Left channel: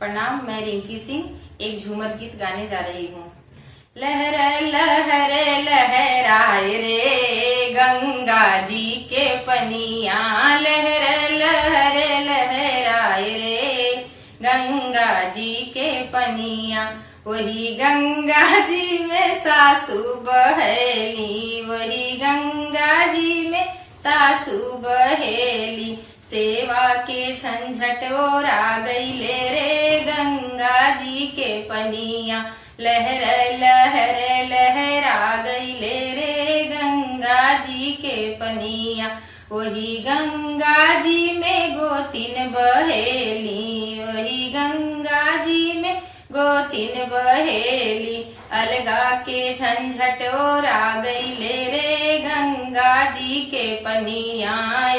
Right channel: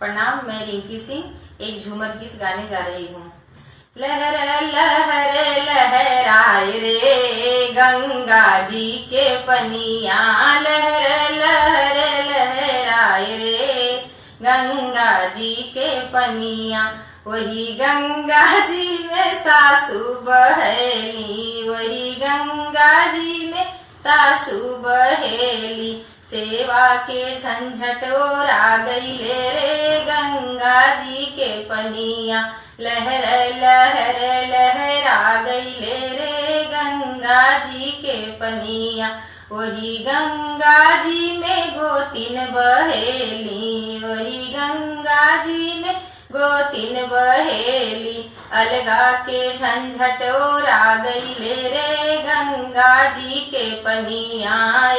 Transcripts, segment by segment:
प्रणाम, मैं रिंकी सिंह एक झूमर गीत गाने जा रही हूँ। लहर लहर लहराए रे गंगा जी के पनिया, लहर लहर लहराए रे गंगा जी के पनिया। वही गंगा जी में सासू बहेली, वही गंगा जी में सासू बहेली। सेवा के झंझट ओरा गईले रे गंगा जी के पनिया, लहर लहर लहरा गईले रे गंगा जी के पनिया। वही गंगा जी में गोतिन बहेली, वही गंगा जी में गोतिन बहेली। अलगा के झंझट ओरा गईले रे गंगा जी के पनिया,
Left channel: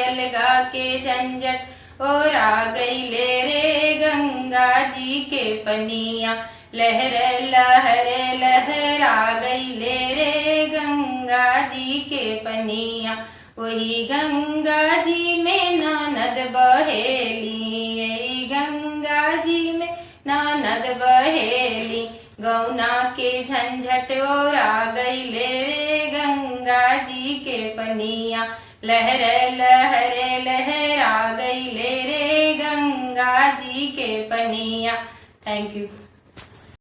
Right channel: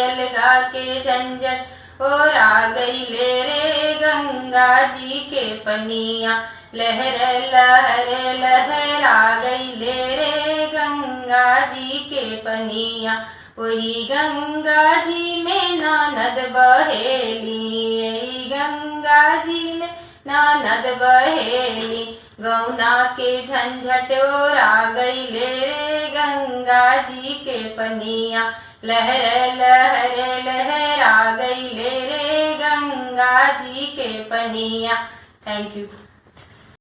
अलगा के झंझट ओरा गईले रे गंगा जी के पनिया। लहर लहर लहरा गईले रे गंगा जी के पनिया। वही गंगा जी में ननद बहेली, यही गंगा जी में ननद बहेली। गौना के झंझट ओरा गईले रे गंगा जी के पनिया, लहर लहर लहरा गईले रे गंगा जी के पनिया। Thank you.